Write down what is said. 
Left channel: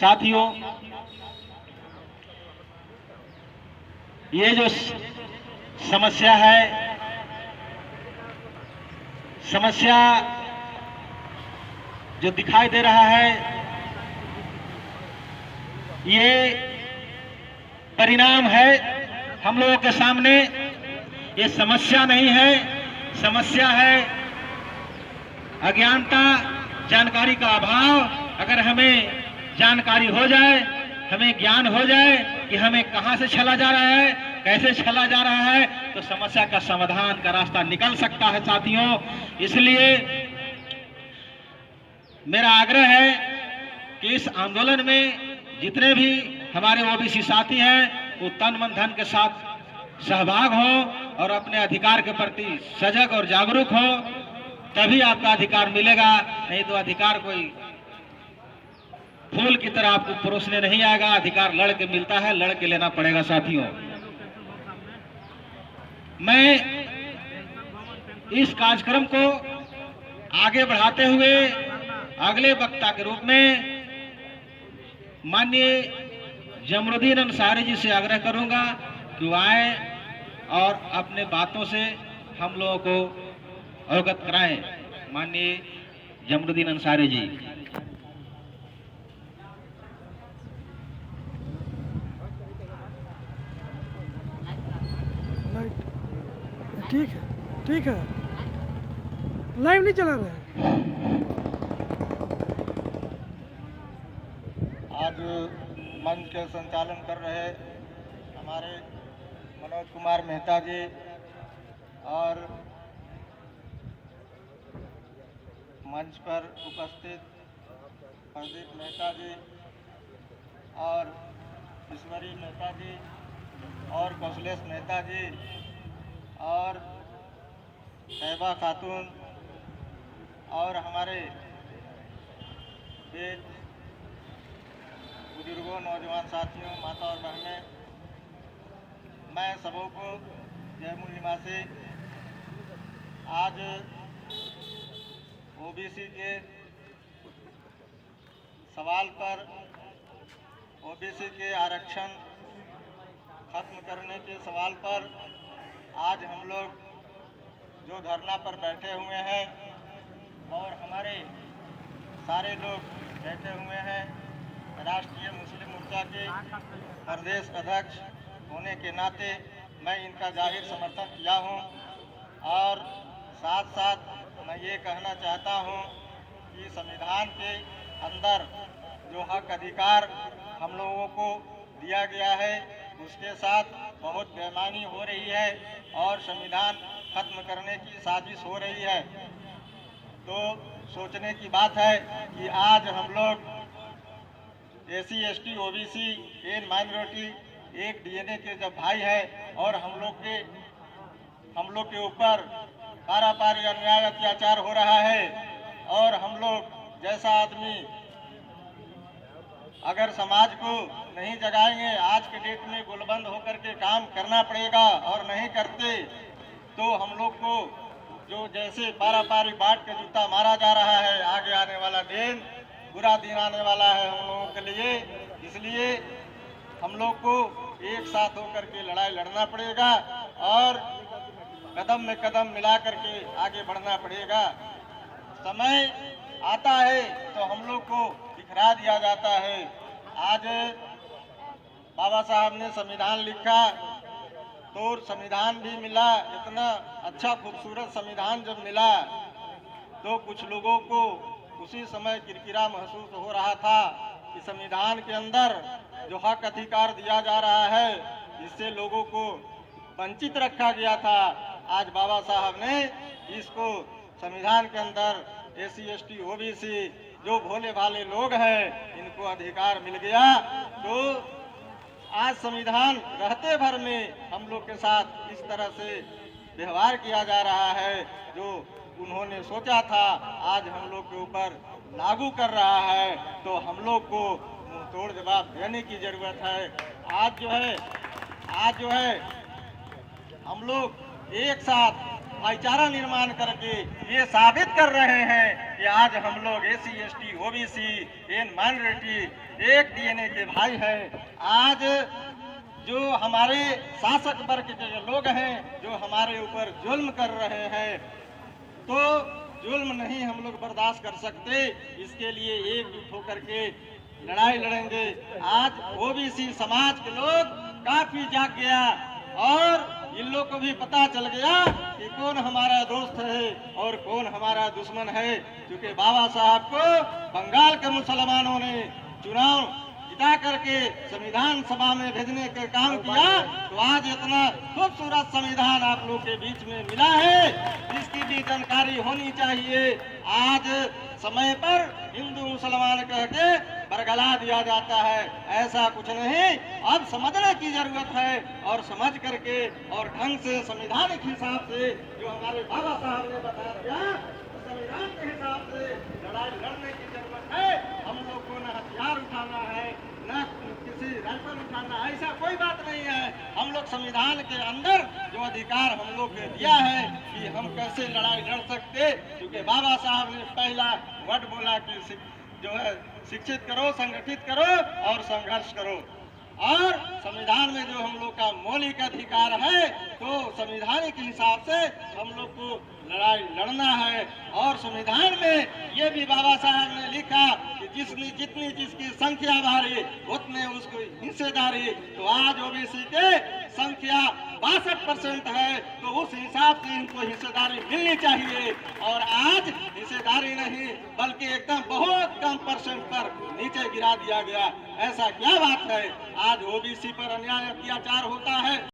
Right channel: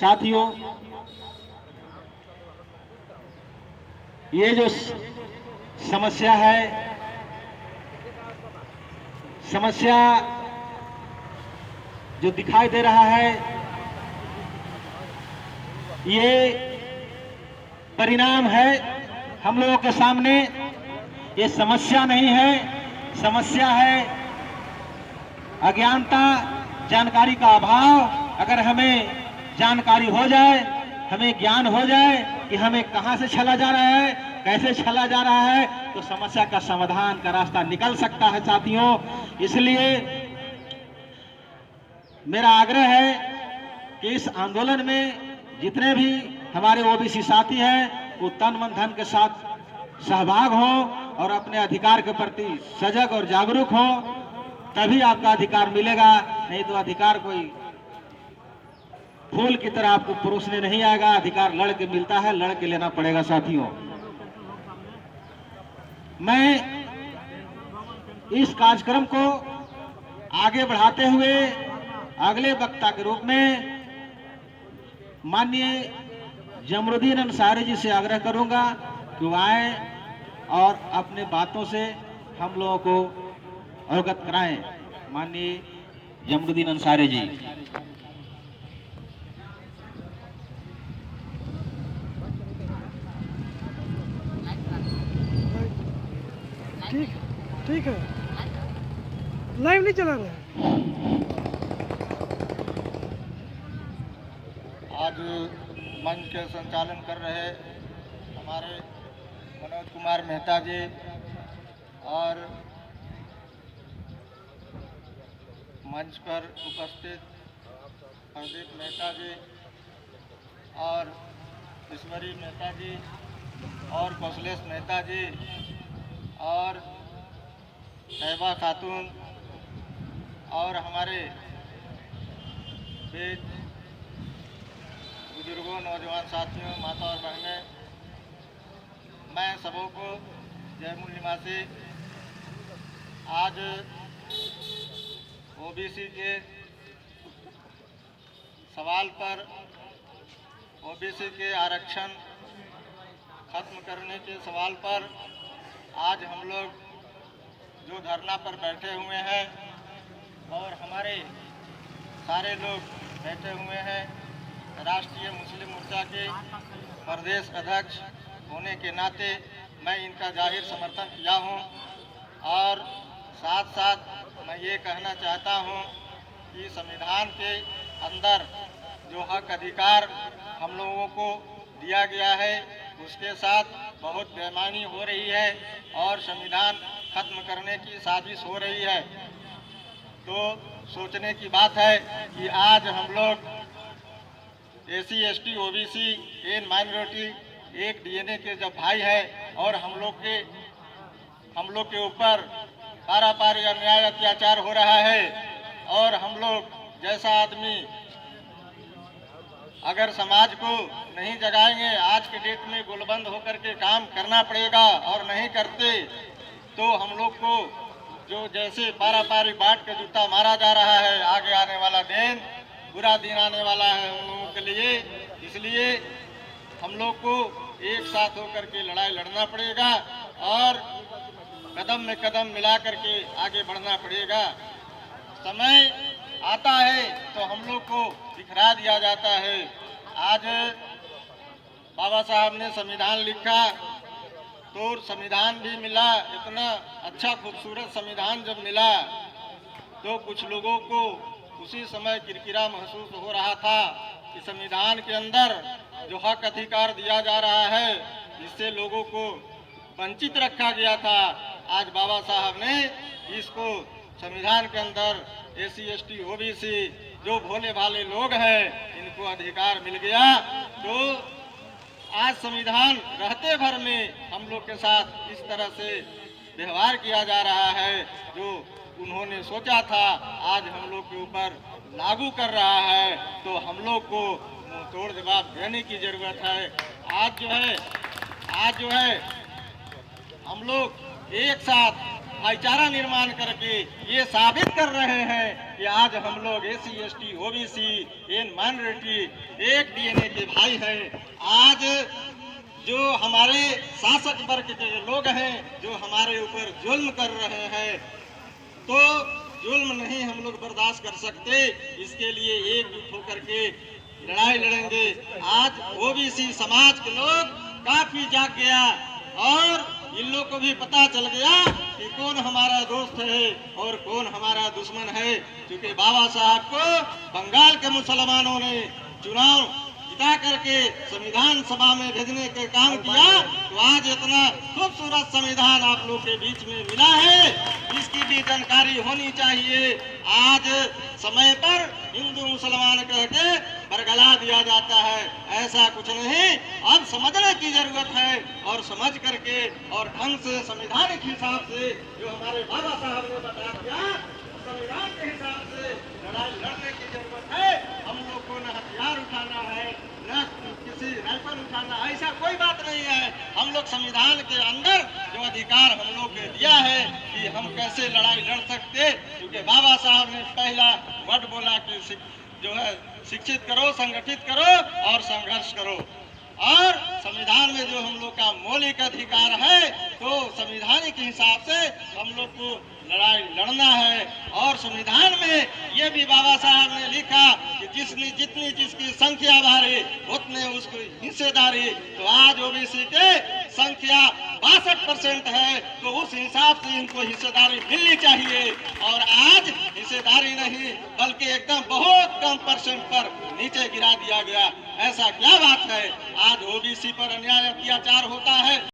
साथियों, ये जो समस्या है, समस्या जो दिखाई दे रहा है, ये परिणाम है हम लोगों के सामने। ये समस्या नहीं है, समस्या है अज्ञानता, जानकारी का अभाव। अगर हमें जानकारी हो जाए, हमें ज्ञान हो जाए कि हमें कहां से छला जा रहा है, कैसे छला जा रहा है, तो समस्या का समाधान का रास्ता निकल सकता है साथियों। इसलिए मेरा आग्रह है कि इस आंदोलन में जितने भी हमारे ओबीसी साथी हैं वो तन मन धन के साथ सहभाग हों और अपने अधिकार के प्रति सजग और जागरूक हों, तभी आपका अधिकार मिलेगा। नहीं तो अधिकार कोई फूल की तरह आपको परोसने नहीं आएगा। अधिकार लड़ के मिलता है, लड़ के लेना पड़ेगा साथियों। मैं इस कार्यक्रम को आगे बढ़ाते हुए अगले वक्ता के रूप में माननीय जमरुद्दीन अंसारी जी से आग्रह करूंगा कि वो आए और अपने बातों से हम लोगों को अवगत कराएं। माननीय जमरुद्दीन अंसारी जी। ठीक है, ठीक है, लाइव नहीं चला रहे हैं। आज मंच के संचालन कर रहे हमारे मनोज कुमार मेहता जी और मंच पर उपस्थित प्रदीप मेहता जी और ईश्वरी मेहता जी और कौशलेश मेहता जी और तैयबा खातून और हमारे बीच बुजुर्गों, नौजवान साथियों, माता और बहनें, मैं सबों को जय मूल निवासी। आज ओबीसी के सवाल पर, ओबीसी के आरक्षण खत्म करने के सवाल पर आज हम लोग जो धरना पर बैठे हुए हैं और हमारे सारे लोग बैठे हुए हैं, राष्ट्रीय मुस्लिम मोर्चा के प्रदेश अध्यक्ष होने के नाते मैं इनका जाहिर समर्थन किया हूं। और साथ साथ मैं ये कहना चाहता हूं कि संविधान के अंदर जो हक अधिकार हम लोगों को दिया गया है उसके साथ बहुत बेईमानी हो रही है और संविधान खत्म करने की साजिश हो रही है। तो सोचने की बात है कि आज हम लोग SC, ST, OBC, and minority एक डीएनए के जब भाई है और हम लोग के ऊपर पारापारी अन्याय अत्याचार हो रहा है और हम लोग जैसा आदमी अगर समाज को नहीं जगाएंगे, आज के डेट में गोलबंद होकर के काम करना पड़ेगा और नहीं करते तो हम लोग को जो जैसे पारापारी बाट के जूता मारा जा रहा है, आगे आने वाला दिन बुरा दिन आने वाला है हम लोगों के लिए। इसलिए हम लोग को एक साथ होकर के लड़ाई लड़ना पड़ेगा और कदम में कदम मिला करके आगे बढ़ना पड़ेगा। समय आता है तो हम लोग को बिखरा दिया जाता है। आज बाबा साहब ने संविधान लिखा तो संविधान भी मिला, इतना अच्छा खूबसूरत संविधान जब मिला तो कुछ लोगों को उसी समय किरकिरा महसूस हो रहा था कि संविधान के अंदर जो हक अधिकार दिया जा रहा है जिससे लोगों को वंचित रखा गया था, आज बाबा साहब ने इसको संविधान के अंदर एसी, एसटी, ओबीसी जो भोले भाले लोग हैं इनको अधिकार मिल गया। तो आज संविधान रहते भर में हम लोग के साथ इस तरह से व्यवहार किया जा रहा है जो उन्होंने सोचा था आज हम लोग के ऊपर लागू कर रहा है। तो हम लोग को मुंह तोड़ जवाब देने की जरूरत है। आज जो है हम लोग एक साथ भाईचारा निर्माण करके ये साबित कर रहे हैं कि आज हम लोग SC ST OBC and minority एक DNA के भाई हैं। आज जो हमारे शासक वर्ग के लोग हैं जो हमारे ऊपर जुल्म कर रहे हैं, तो जुल्म नहीं हम लोग बर्दाश्त कर सकते। इसके लिए एकजुट होकर के लड़ाई लड़ेंगे। आज OBC समाज के लोग काफी जाग गया और इन लोग को भी पता चल गया कि कौन हमारा दोस्त है और कौन हमारा दुश्मन है। क्योंकि बाबा साहब को बंगाल के मुसलमानों ने चुनाव जिता करके संविधान सभा में भेजने के काम किया, तो आज इतना खूबसूरत संविधान आप लोग के बीच में मिला है, इसकी भी जानकारी होनी चाहिए। आज समय पर हिंदू मुसलमान कह के बरगला दिया जाता है, ऐसा कुछ नहीं। अब समझने की जरूरत है और समझ करके और ढंग से संविधानिक हिसाब से जो हमारे बाबा साहब ने बता दिया, संविधान के हिसाब से लड़ाई लड़ने की जरूरत है। हम लोग को न हथियार उठाना है, न किसी राइफल उठाना, ऐसा कोई बात नहीं है। हम लोग संविधान के अंदर जो अधिकार हम लोग को दिया है कि हम कैसे लड़ाई लड़ सकते, क्योंकि बाबा साहब ने पहला वर्ड बोला कि जो है शिक्षित करो, संगठित करो और संघर्ष करो। और संविधान में जो हम लोग का मौलिक अधिकार है, तो संविधानिक हिसाब से हम लोग को लड़ाई लड़ना है। और संविधान में ये भी बाबा साहब ने लिखा कि जितनी जिसकी संख्या भारी उतने उसकी हिस्सेदारी। तो आज OBC के संख्या 62% है, तो उस हिसाब से इनको हिस्सेदारी मिलनी चाहिए। और आज हिस्सेदारी नहीं बल्कि एकदम बहुत कम % पर नीचे गिरा दिया गया। ऐसा क्या बात है? आज OBC पर अन्याय अत्याचार होता है।